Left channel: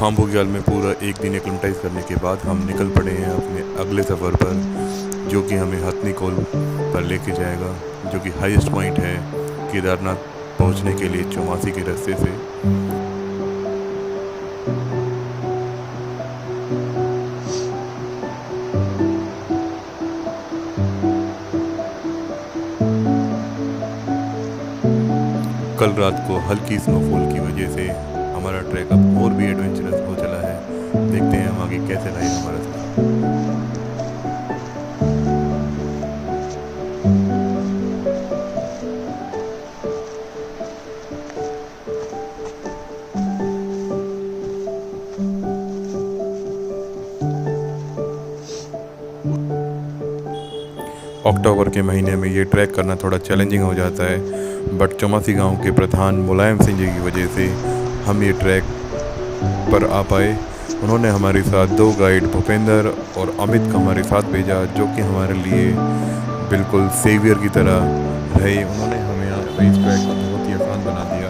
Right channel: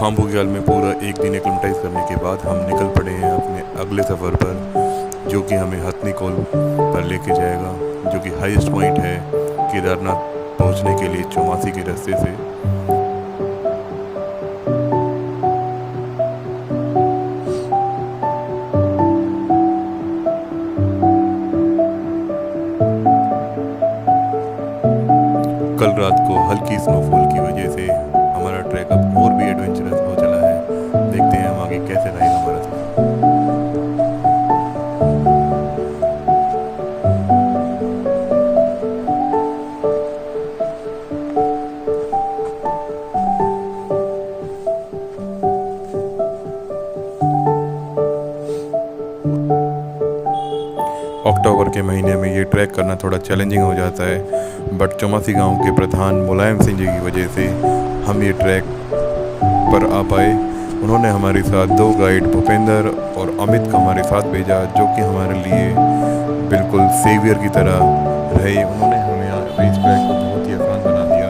खाम बुग्याल में पूरा एक दिन एक्लेमेटाइज करने के बाद हम निकल पड़े हैं अपने अगले सफ़र पर, जो कि हमें हथनी कोल पर लेके जाएगा, जो कि हाईएस्ट पॉइंट है केदारनाथ पहुंचने के लिए चौमासी के रास्ते से। कल रात को हल्की स्नोफॉल की वजह से हमारा ट्रैक अब और भी एडवेंचरस हो चला है। देखते हैं हम आगे कैसे रहेगा हमारा सफर। अक्टूबर के महीने में ये ट्रैक करना थोड़ा चैलेंजिंग हो जाता है, बट चौमासी गांव के प्रधान मुलायम सिंह जी की वजह से हम ये ट्रैक पर आ पाए। उन्होंने हमारे साथ 2 गाइड भूपेंद्र और अमित का हमारे साथ भेजा, जो कि हमारे लिए बिल्कुल सेवियर की तरह रहे। उन्होंने हमें इस ट्रैक को बहुत ही आसान बना दिया।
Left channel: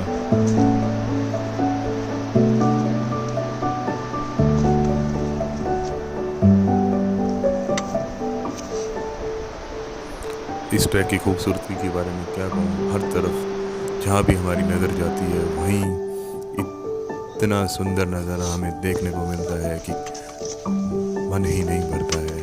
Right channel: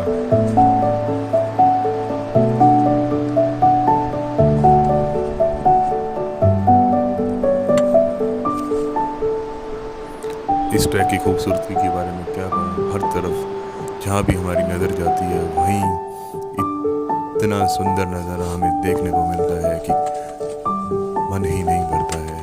इस ट्रैक की खूबसूरती के बारे में क्या कहूँ, हर तरफ जहाँ भी हमारी नज़र जाती है वहीं इतना सुंदर नज़ारा हमें देखने को मिलता है कि मन ही नहीं भरता है।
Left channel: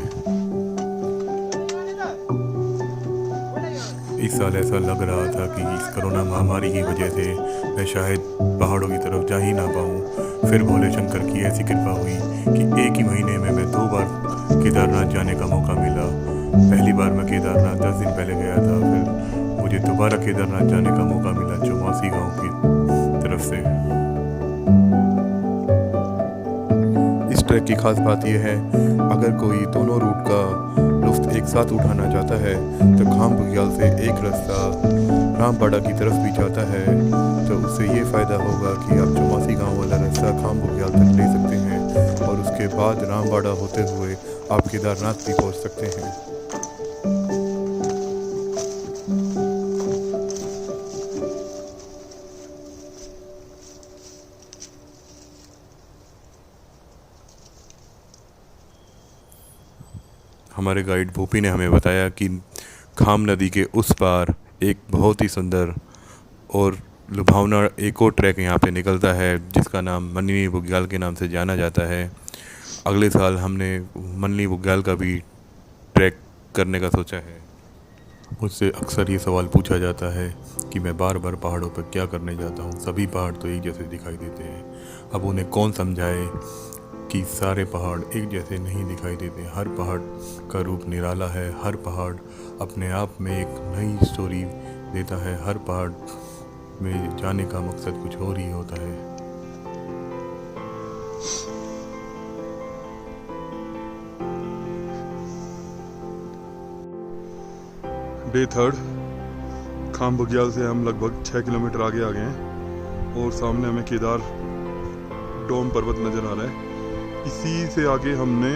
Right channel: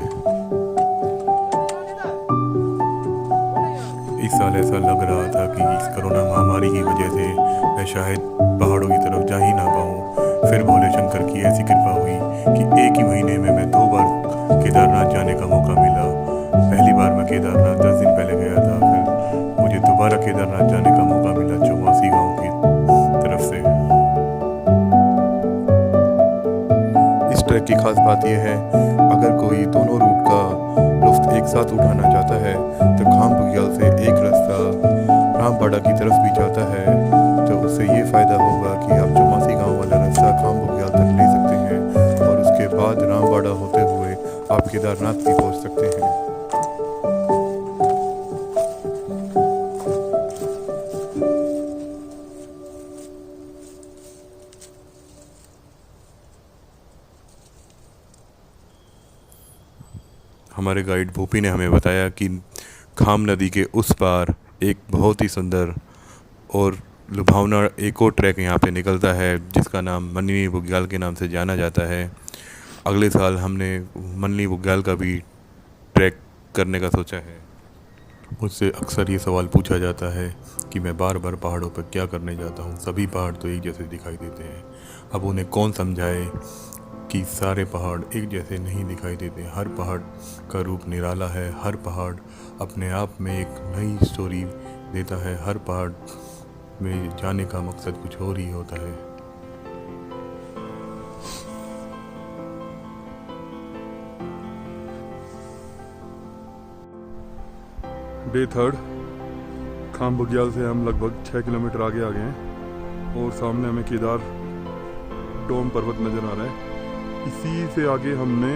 इस साल ऐसा लग रहा था कि इस कोरोना महामारी की वजह से मैं शायद पहाड़ों की तरफ जा ही ना पाऊँ। फिर भोले शंकर की ऐसी कृपा हुई कि एक ही महीने में मैं 2 बार केदारनाथ जाने का मौका मिला। पहली बार मैं केदारनाथ 10 दिन पहले गया था, फिर मुझे दोबारा केदारनाथ जाने का मौका मिला चौमासी गांव की तरफ से। इस ट्रैक की खास बात यह है, अगर कोई दोनों रूट का लुत्फ एक साथ उठाना चाहता है तो खाम बुग्याल से एक रास्ता रामबाड़ा की तरफ भी जाता है, तो उससे ये फ़ायदा होगा कि आप चौमासी गांव वाला रास्ता खाम बुग्याल तक ले सकते हैं और उसके बाद रामबाड़ा होते हुए आप केदारनाथ भी पहुंच सकते हैं। हमारे गाइड भूपी ने हमें बताया कि खाम नदी के उस पार एक बहुत ही सुंदर और लुभावना एक और ट्रैक यहाँ पे निकलता है, जिसका नाम मननी बुग्याल के नाम से जाना जाता है। अगले साल हमने मननी बुग्याल का भी ट्रैक करने का सोचा है। मुझसे अक्सर ये सवाल पूछा जाता है कि मैं बार बार पहाड़ों पर क्या करने जाता हूँ, सभी पहाड़ तो एक जैसे दिखाई देते हैं। अब उन्हें कौन समझाए कि सारे पहाड़ एक जैसे नहीं दिखाई देते। हर पहाड़ का रूप निराला है, हर पहाड़ अपने आप में एक नई स्टोरी देता है, हर पहाड़ में जाने का मकसद कुछ और ही होता है। डे 3 खाम बुग्याल से हम लगभग 6 किलोमीटर आगे आ गए हैं और सामने हमें केदार डोम पर्वत नज़र आ रहा है। इसी से आगे हमने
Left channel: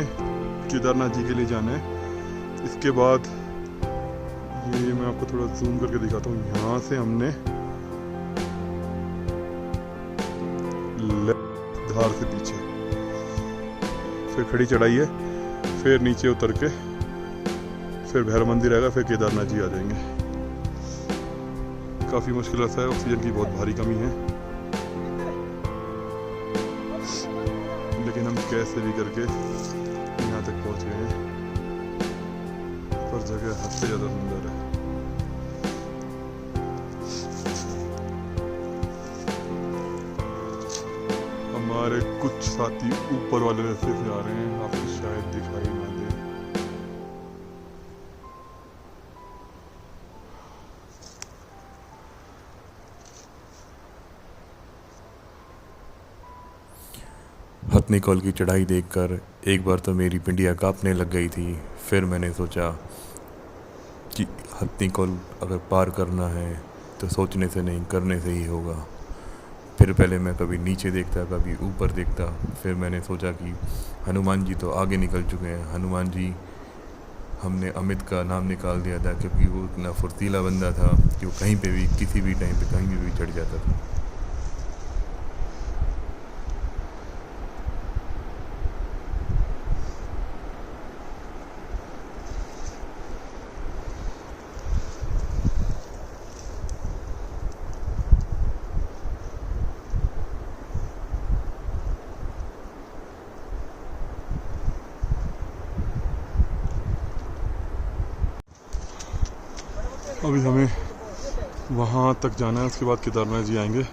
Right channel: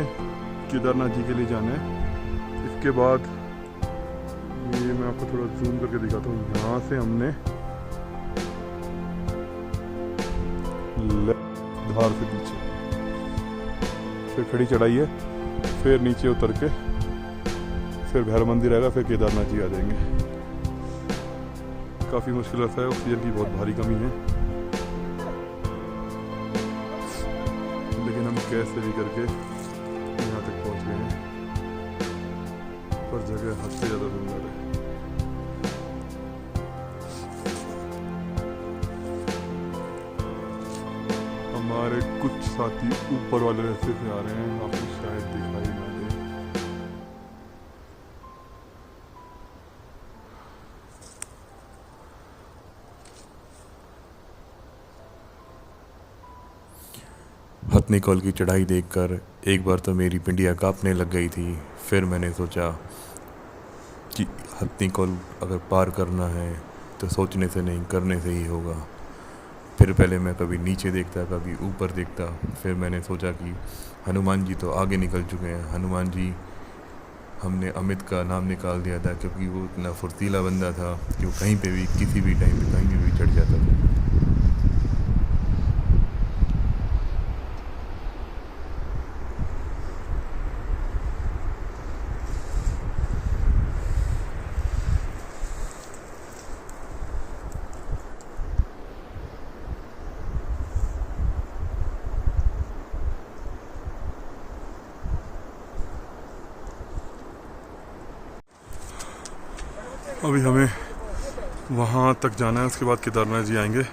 केदारनाथ जी के लिए जाना है। इसके बाद ये मैं आपको थोड़ा जूम करके दिखाता हूँ। यहाँ से हमने धार से पीछे फिर खड़ी चढ़ाई है, फिर नीचे उतर के फिर भैरव मंदिर आएगा, फिर केदारनाथ जी आ जाएंगे। काफ़ी मुश्किल रास्ता है, ऑक्सीजन की बहुत भारी कमी है, लेकिन हम कैसे भी करके यहाँ तक पहुँच गए हैं। पर जगह हद से ज़्यादा सुंदर है। हमारे कुछ साथी ऊपर वाले रास्ते से आ रहे हैं, आपको शायद दिखाई ना दे। हथनी कोल की चढ़ाई देखकर एक बार तो मेरी पिंडियाँ कांपने लग गई थी। फिर मैंने सोचा कि हथनी कोल अगर पार करना है तो सोचने से नहीं करने से ही होगा। फिर पहले मैं कभी नीचे देखता, कभी ऊपर देखता। फिर मैंने सोचा कि हनुमान जी तो आगे निकल चुके हैं। हनुमान जी, हमने अमित का नाम निकाल दिया था क्योंकि वो इतना फुर्तीला बंदा था कि वो कहीं पे भी किसी भी टाइम पे कहीं भी चढ़ जाता था। अभी हमें वहाँ तक जाना है, उसके बाद केदारनाथ जी आएंगे।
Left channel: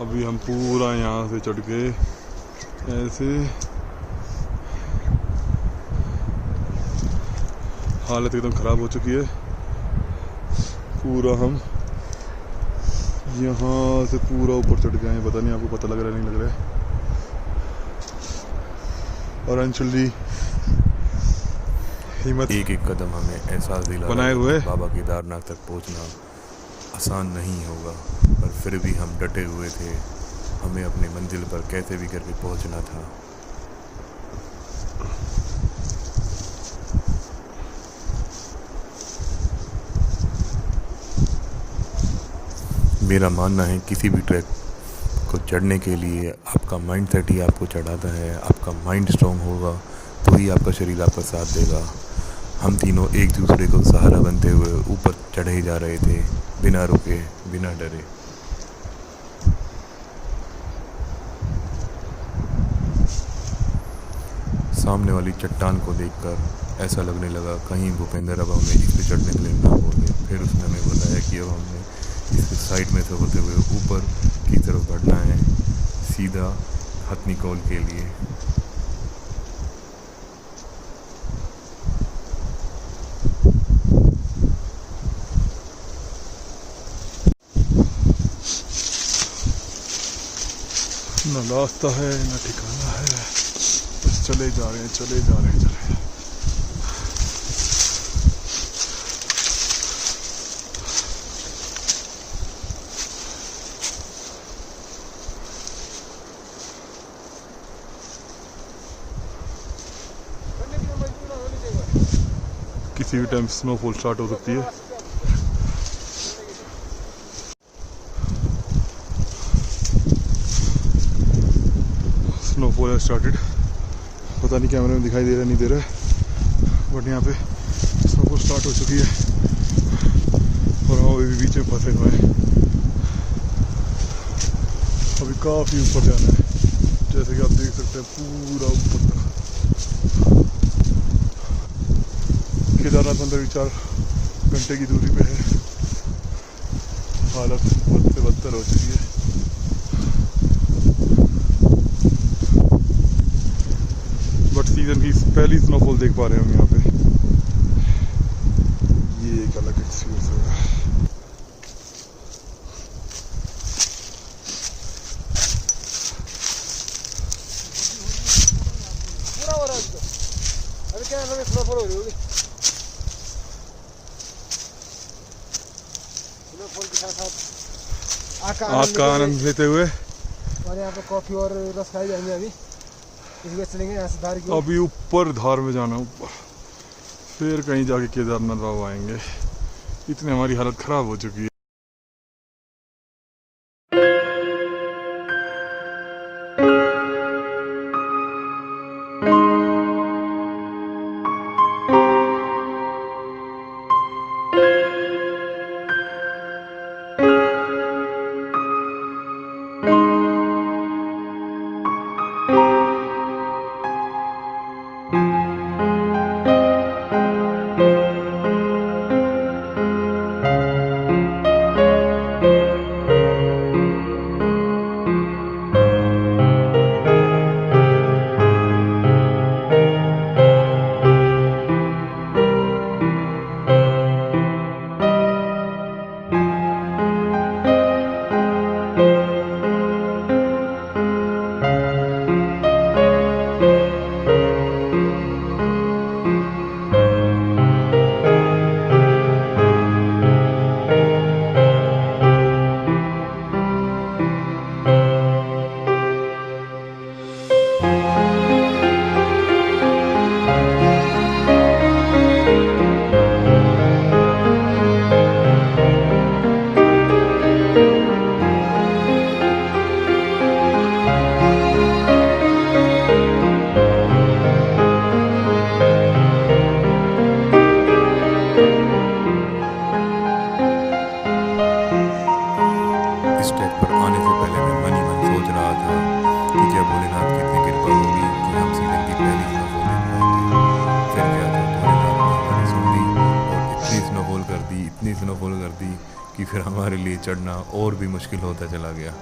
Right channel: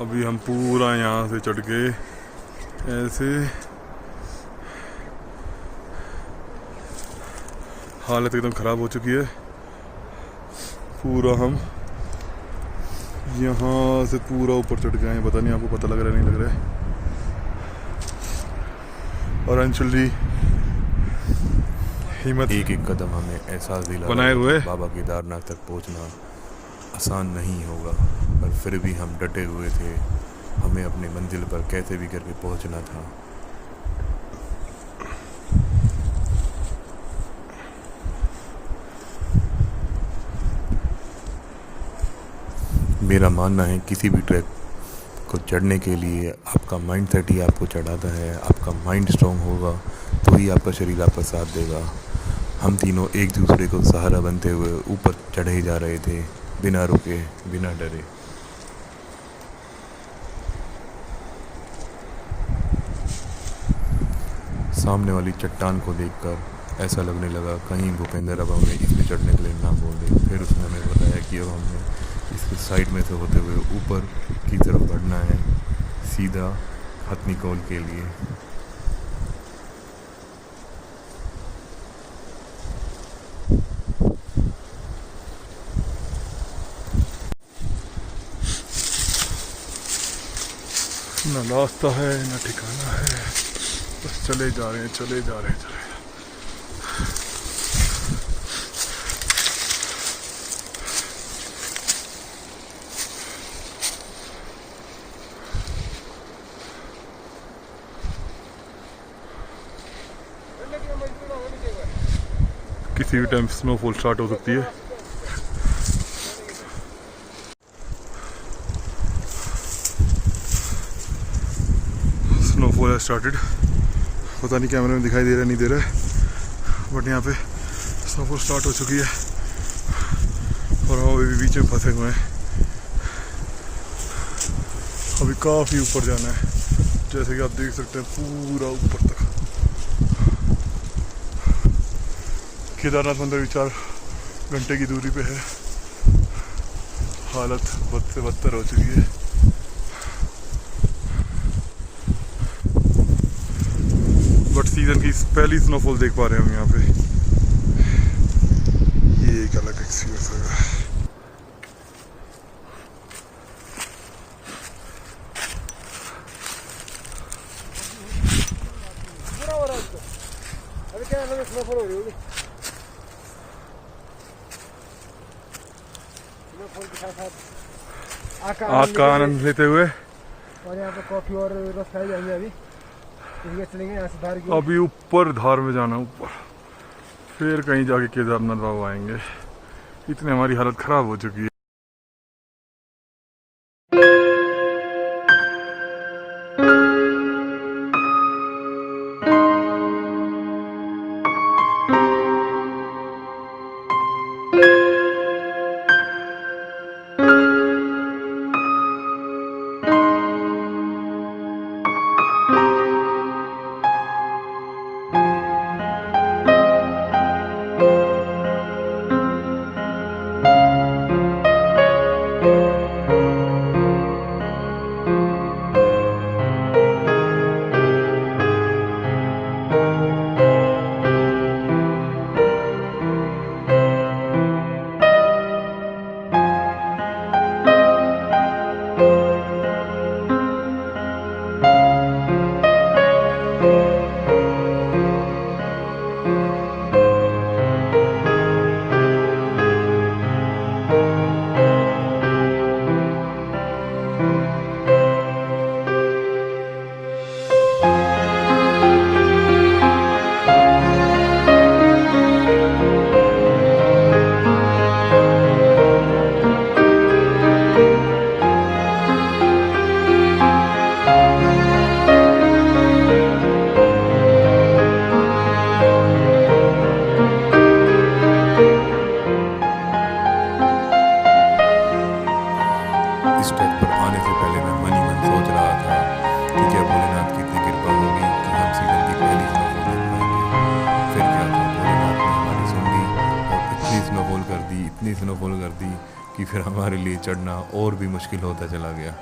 अभी हम पूरा यहाँ से चढ़ के ऐसे, हालत एकदम ख़राब हो चुकी है। पूरा हम यहाँ से पूरा ऊपर चढ़ गए हैं, पता नहीं आपको पता लग रहा है नहीं लग रहा है। और अंशुल जी हिम्मत एक एक कदम हमें एहसास दिला बनाए रहा है हुए कि बाबा केदारनाथ तक पहुंचना आसान नहीं होगा, पर फिर भी हम डटे हुए थे। हमें अपनी मंजिल पर कैसे भी करके पहुंचना था। मेरा मानना है किसी भी ट्रैक को चढ़ने के लिए आपका माइंड सेट ही आपको चढ़ाता है। आपका माइंड स्ट्रांग होगा तो ही आपका शरीर आपका साथ देगा। हम तीनों एक दूसरे को सहारा बनते हुए ऊपर चढ़े ही जा रहे थे, बिना रुके, बिना डरे। सामने वाली चट्टान को देखकर ऐसा लगने लगा कहीं भूपेंद्र अब हमें इस पे चढ़ने के लिए ना बोले। फिर उसने हमें बताया कि अब हमें इसके साइड में से होते हुए ऊपर की तरफ बढ़ना है, सीधा हथनीकौल के लिए। ना रास्ता है ना ठिकाना है, बस चले जा रहे हैं, चले जा रहे हैं, चले। किसी भी टाइम स्नोफॉल स्टार्ट हो सकती है। स्नोफॉल है स्टार्टेड, पता नहीं कैमरे में दिखाई दे रहा है नहीं दे रहा है, बट यहाँ पे स्नोफॉल स्टार्ट हो चुकी है और हम अभी बीच में फंसे हुए हैं। अभी काफ़ी ऊपर जाना है, जैसे कि आप देख सकते हैं पूरा ऊपर तक। केदारनाथ मंदिर भी 4 घंटे की दूरी पे है। हालत बद से बदतर हो चुकी है। बट सीजन की पहली स्नोफॉल देख पा रहे हैं हम यहाँ पे। ये एक अलग एक्सपीरियंस होगा। अभी क्या स्नोफॉल हो रही होगी, स्नोफॉल के साथ साथ आग का आनंद लेते हुए और यहाँ पे कॉफी और रस खाई जाएंगे। अभी इसलिए चलेंगे यहाँ से धार की। अभी ऊपर धार में जाना, ऊपर फिर कहीं जाके केदारनाथ बाबा आएंगे। इतनी हमारी हालत खराब हो चुकी है। स्नोफॉल कर दी, इतनी स्नोफॉल कर दी कि फिर हमारे लिए चढ़ना और भी मुश्किल होता चला गया।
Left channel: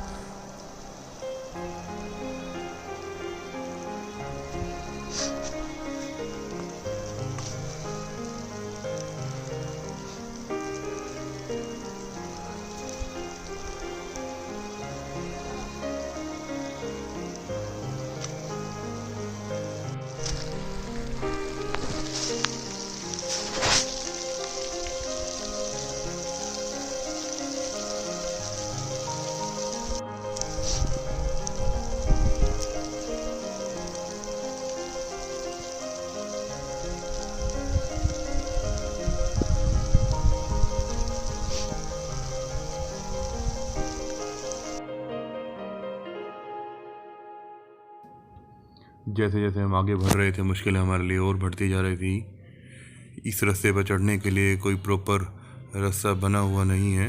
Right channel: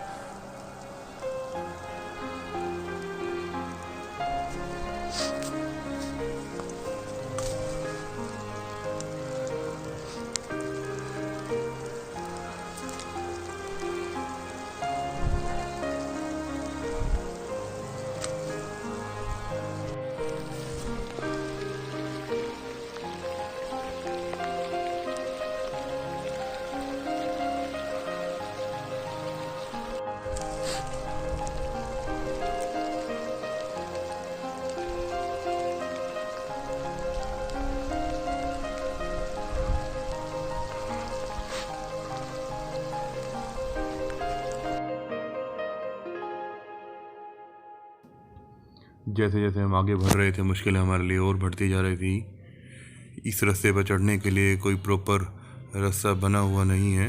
जैसे जैसे हम आगे बढ़ रहे थे, मुश्किलें हमारे लिए और बढ़ती जा रही थी। इस रास्ते पर चढ़ने के लिए कोई प्रॉपर रास्ता बना हुआ नहीं है।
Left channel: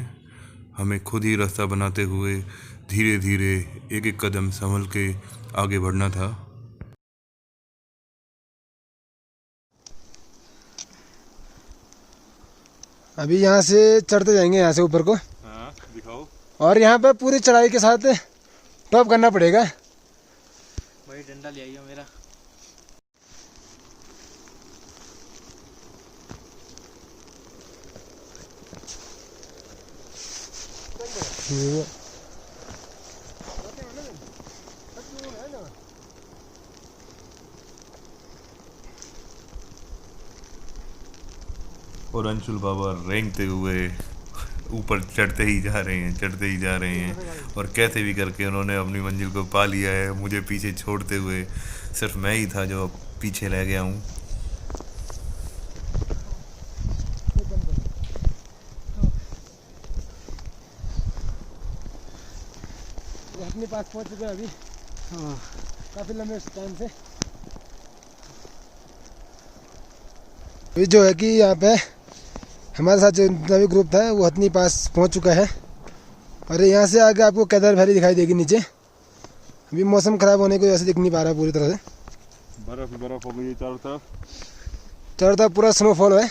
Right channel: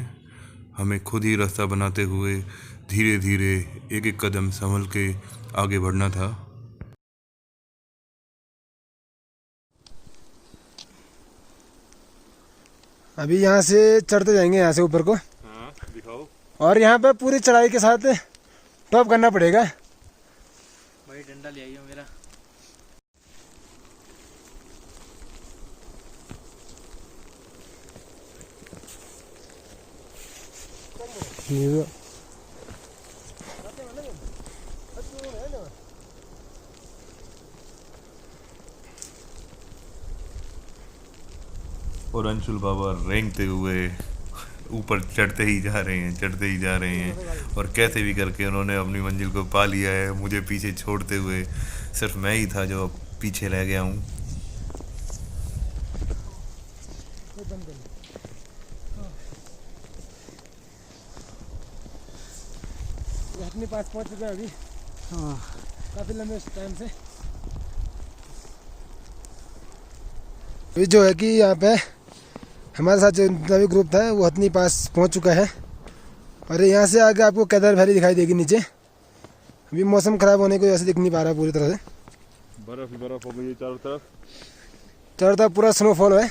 हमें खुद ही रास्ता बनाते हुए धीरे धीरे एक एक कदम संभल के आगे बढ़ना था। अभी यहाँ से चढ़ते जाएंगे, यहाँ से ऊपर को। हाँ, दिखाओ। और यहाँ पे पूरी चढ़ाई के साथ टॉप करना पड़ेगा। वही डंडा ले आइए मेरा। और अंशुल बाबा रेंगते हुए ऊपर चढ़ते ही जा रहे हैं, चढ़ते ही जा रहे हैं। और कैसे भी करके उन्होंने अपनी मंजिल को पा लिया है, मुझे पीछे छोड़ते हुए। सिर्फ मैं ही था जो पीछे रह गया हूँ। अपने पास पहुंच चुके हैं अभी काफी लंबे टाइम से। अभी जो है कि यहाँ पे हमारे साथ जो भी ग्रुप था वो हथनी पास पहुंच चुका है। और यहाँ से आगे आपको केदार वैली दिखाई देगी नीचे। अभी मौसम खराब होने की वजह से दिख नहीं पा रहा पूरी तरह से। बर्फ ही बर्फ हो गई है चारों तरफ। चारों तरफ पूरा स्नोफॉल है।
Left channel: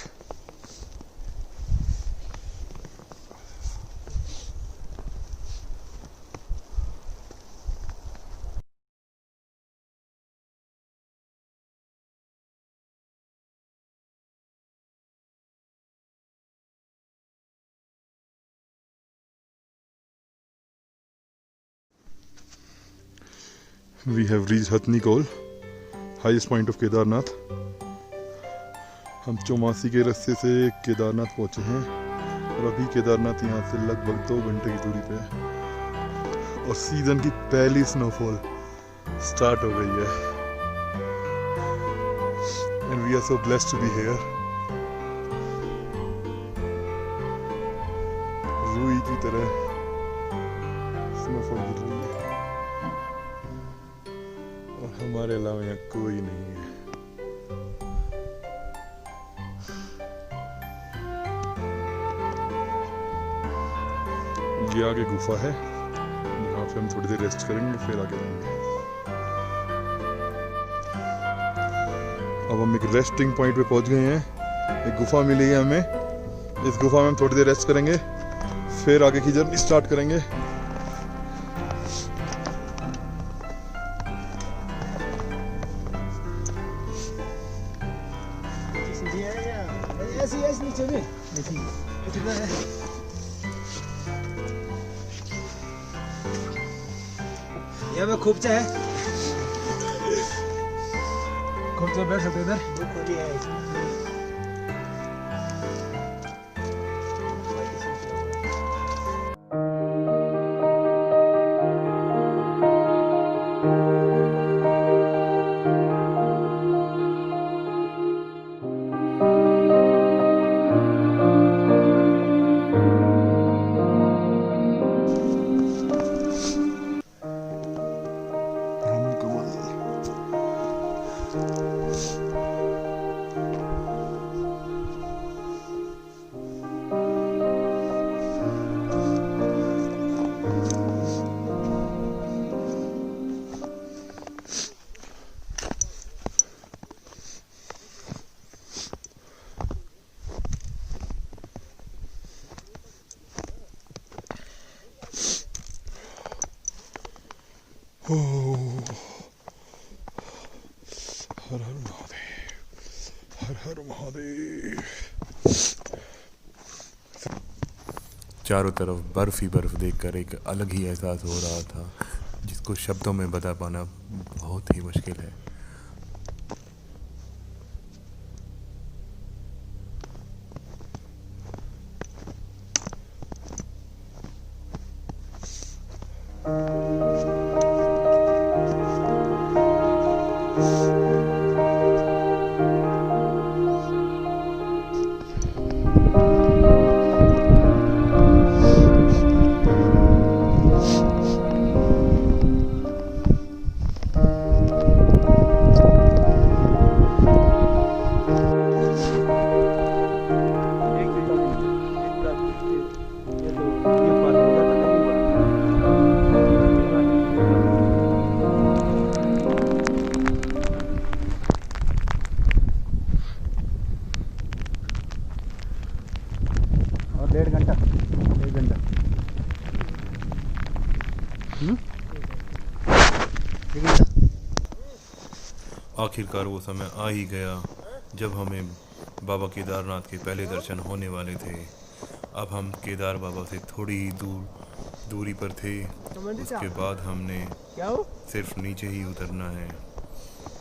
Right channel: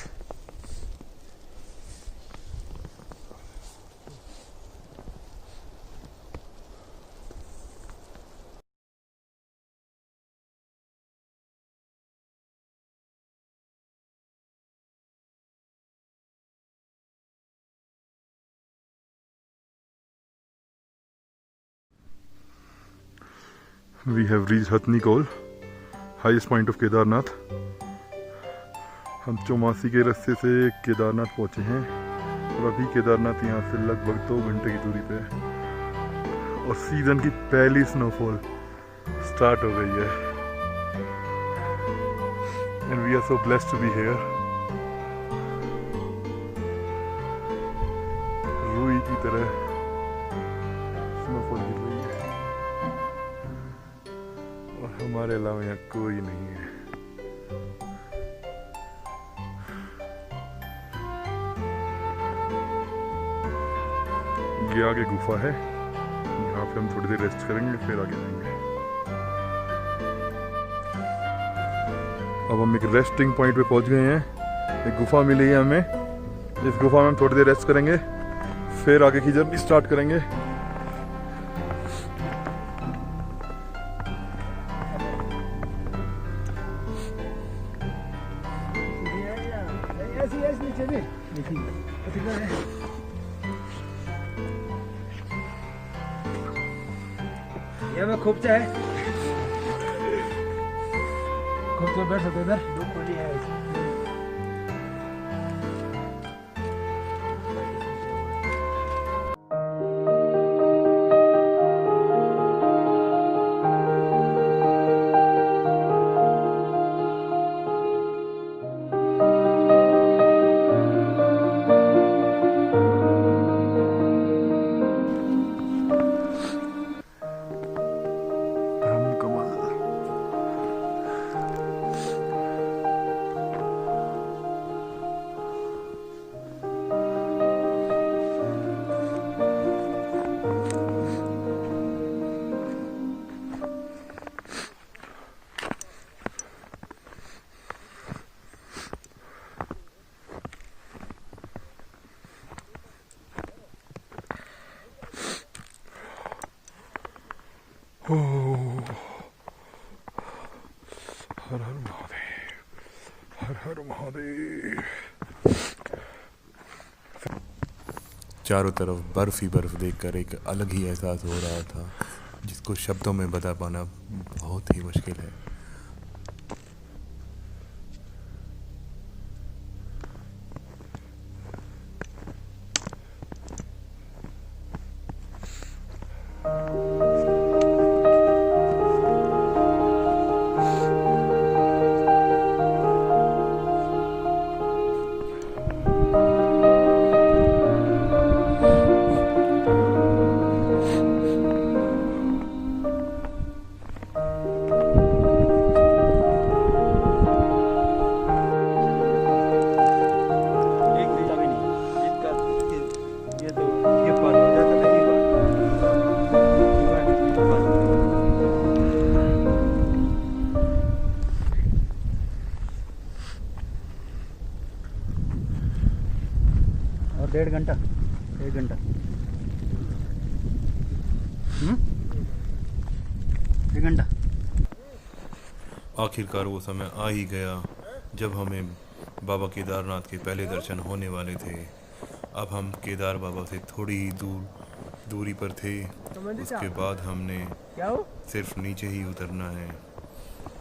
We have reached Hathni Kol, highest point of Kedarnath. हम चौमासी के रास्ते से केदारनाथ पहुंचे हैं और अभी केदारनाथ यहाँ से लगभग 2 घंटे की दूरी पे है। और सीजन की पहली स्नोफॉल स्टार्ट हो गई है। And we are so blessed to be here. रूई की तरह स्नोफॉल गिर रही है और हमारे अलावा यहाँ कोई नहीं है। ये आगे गुफा है, यहाँ पे हम थोड़ी देर रेस्ट करेंगे फिर आगे जाएंगे। अब हम एक रेस्टिंग पॉइंट पे पहुंच गए हैं। एक गुफा मिली है हमें, इस गुफा में हम थोड़ी देर रेस्ट करेंगे फिर आगे की जर्नी स्टार्ट करेंगे। ये खूब चाहे खूब चाहे बैठ सकते इधर। दो खोली है हो हर हर महादेव, हर हर महादेव। चारों तरफ बर्फ़ ही बर्फ़ देखकर एक अलग ही एहसास हो रहा था, जिसको शब्दों में बता पाना बहुत ही मुश्किल है। और 1.5 घंटा 1 घंटा 1 घंटा। आखिरकार वो समय आ ही गया जब हमें बाबा केदारनाथ के पहले दर्शन होने वाले थे। अब हम केदार बाबा से थोड़ी ही दूरी पर थे। उसके बाद हमने सिर्फ नीचे ही उतरना है।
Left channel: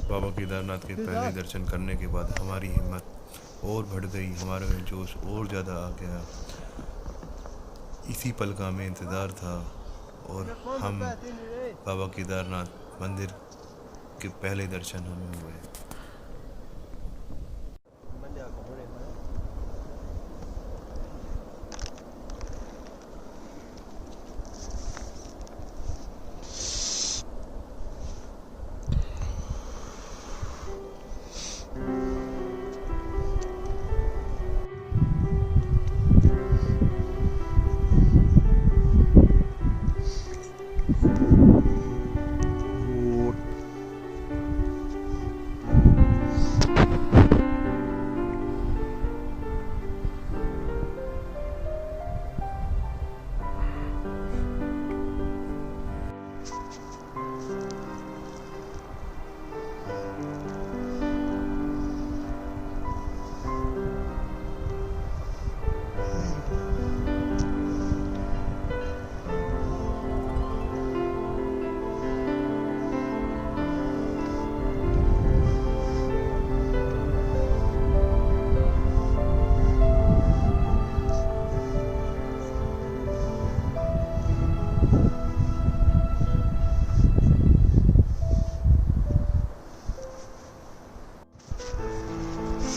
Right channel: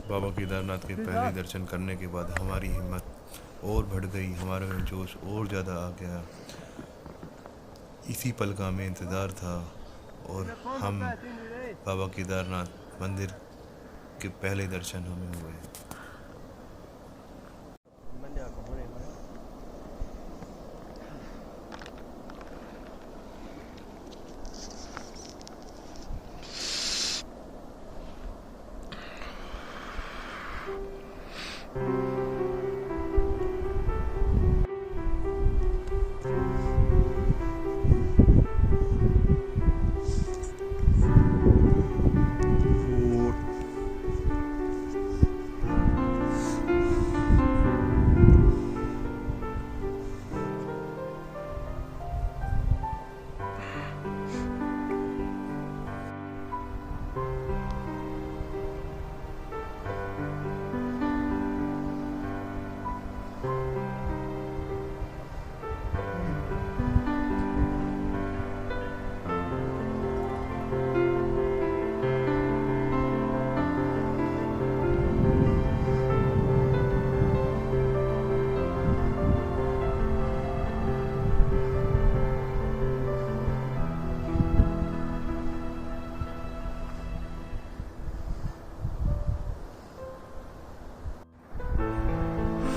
बाबा केदारनाथ के पहले दर्शन करने के बाद हमारी हिम्मत और बढ़ गई, हमारे में जोश और ज़्यादा आ गया। इसी पल का हमें इंतज़ार था और हम बाबा केदारनाथ मंदिर के पहले दर्शन हमें हुए।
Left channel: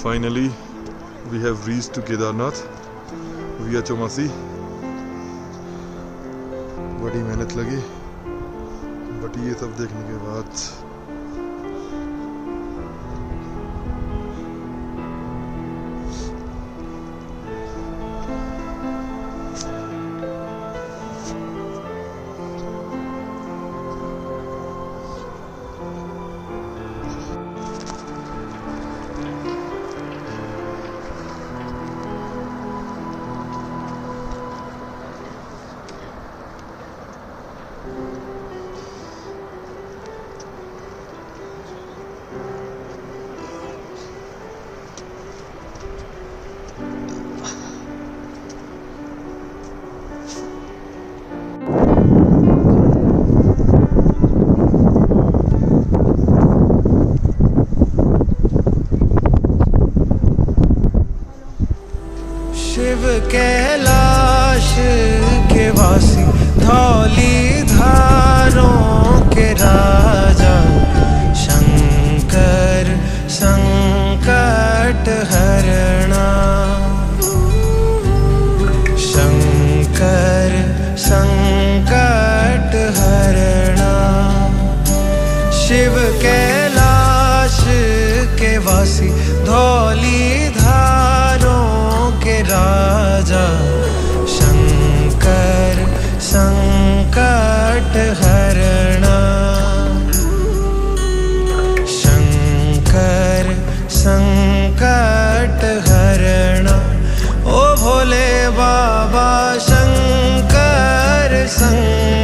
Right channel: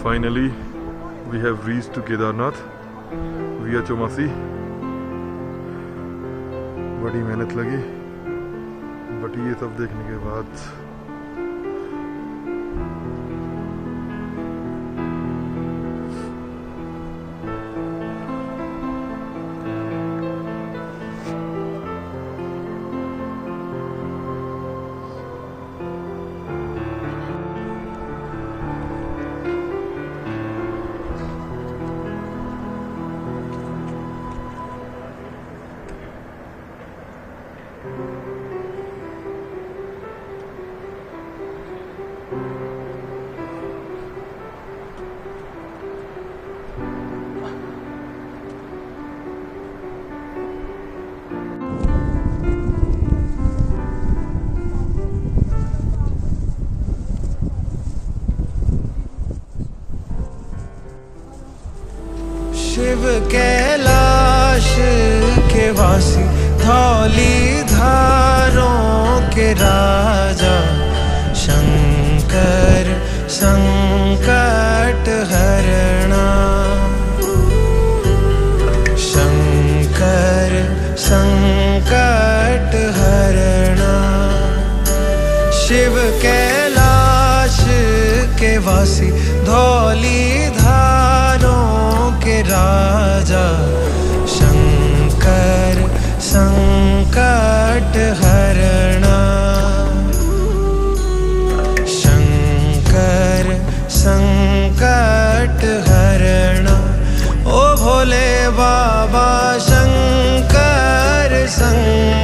Finally, we have reached to Kedarnath via Chaumasi. बड़ी मेहनत लगी, बट ये सब देखने के बाद शिव कैलाश के वासी, धौली धारों के राजा, शंकर संकट हरणा, शंकर संकट हरणा। शिव कैलाश के वासी, धौली धारों के राजा, शंकर संकट हरणा, शंकर संकट हरणा। ओ भोले बाबा शंकर संकट